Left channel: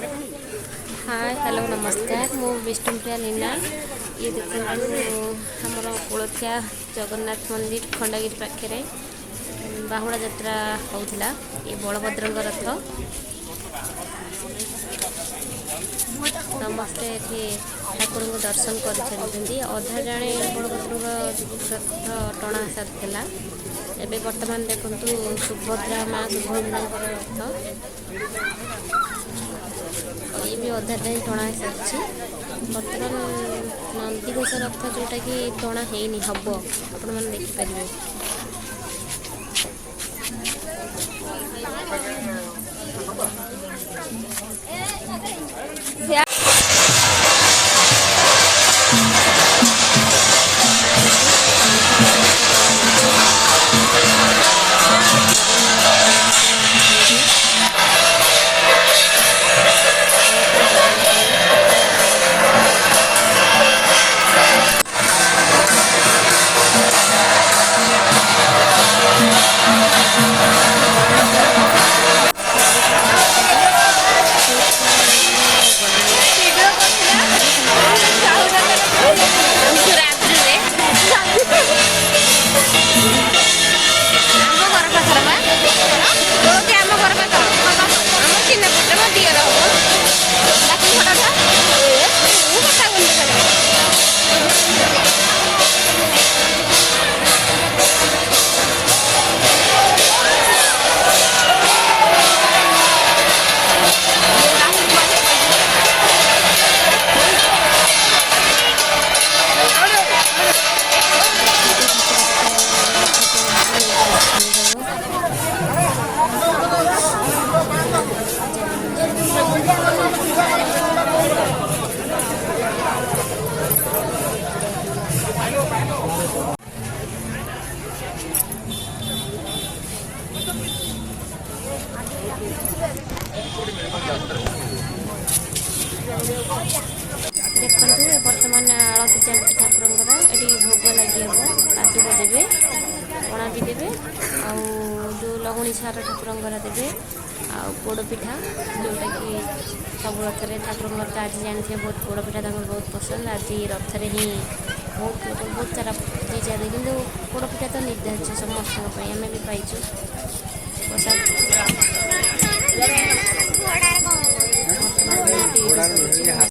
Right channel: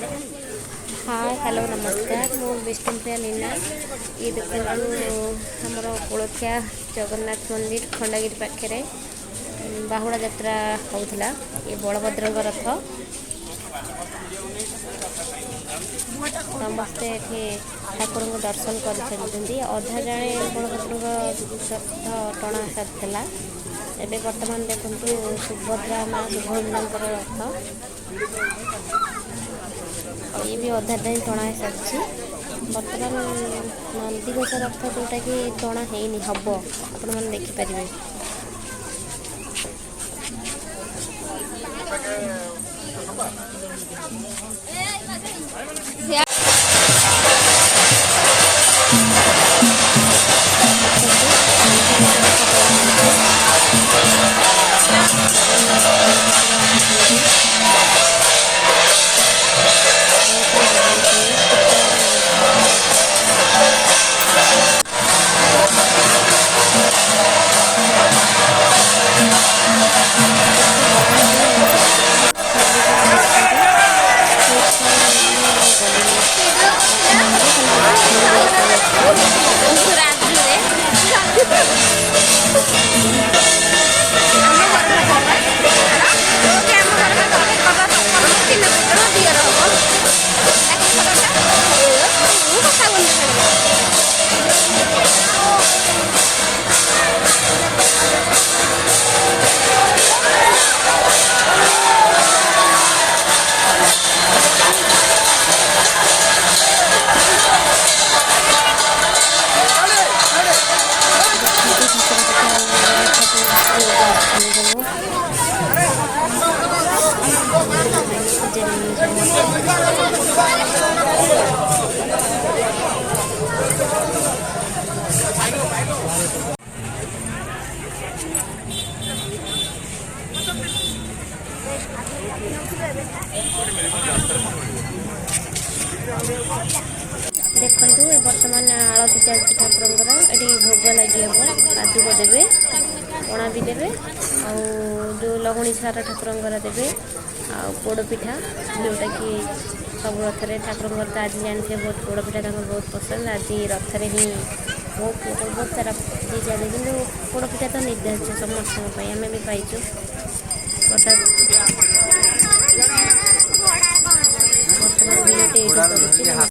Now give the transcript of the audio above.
Hi hello नमस्कार मु विष्णुप्रिया लीना। ये देखो आमर कुलथिया जगन्नाथ मंदिर खंडगिरी पाखे बाहुड़ा यात्रा होता। ये बलभद्र रथ समस्ते ठाकुर को दर्शन कर अधा जाने बलभद्र रथ टणा सारा एवं बर्तमान देखु सुभद्रा माँ सुभद्रा रथ ये भी अधा टाइम टणा सारी बर्तमान नंदीघोष रथ जोटा कि टणा है हम आपण मैंने देखिपारे। देखु बर्तमान आलती चलती ठाकुर ये भोग लगे हम पादुक देवे पणा भी देवे जो लहुणी सार ठाकुर देवे पोड़ पिठा जोटा कि सब रथ में ठाकुर तो आज जानते बहुत पोड़ पिठा बहुत पसंद। आज रथ में ही बहुत सारा जी चले कि पोड़ पिठा तो निर्धारित समस्त आम भी पाइचु प्रसाद। बर्तमान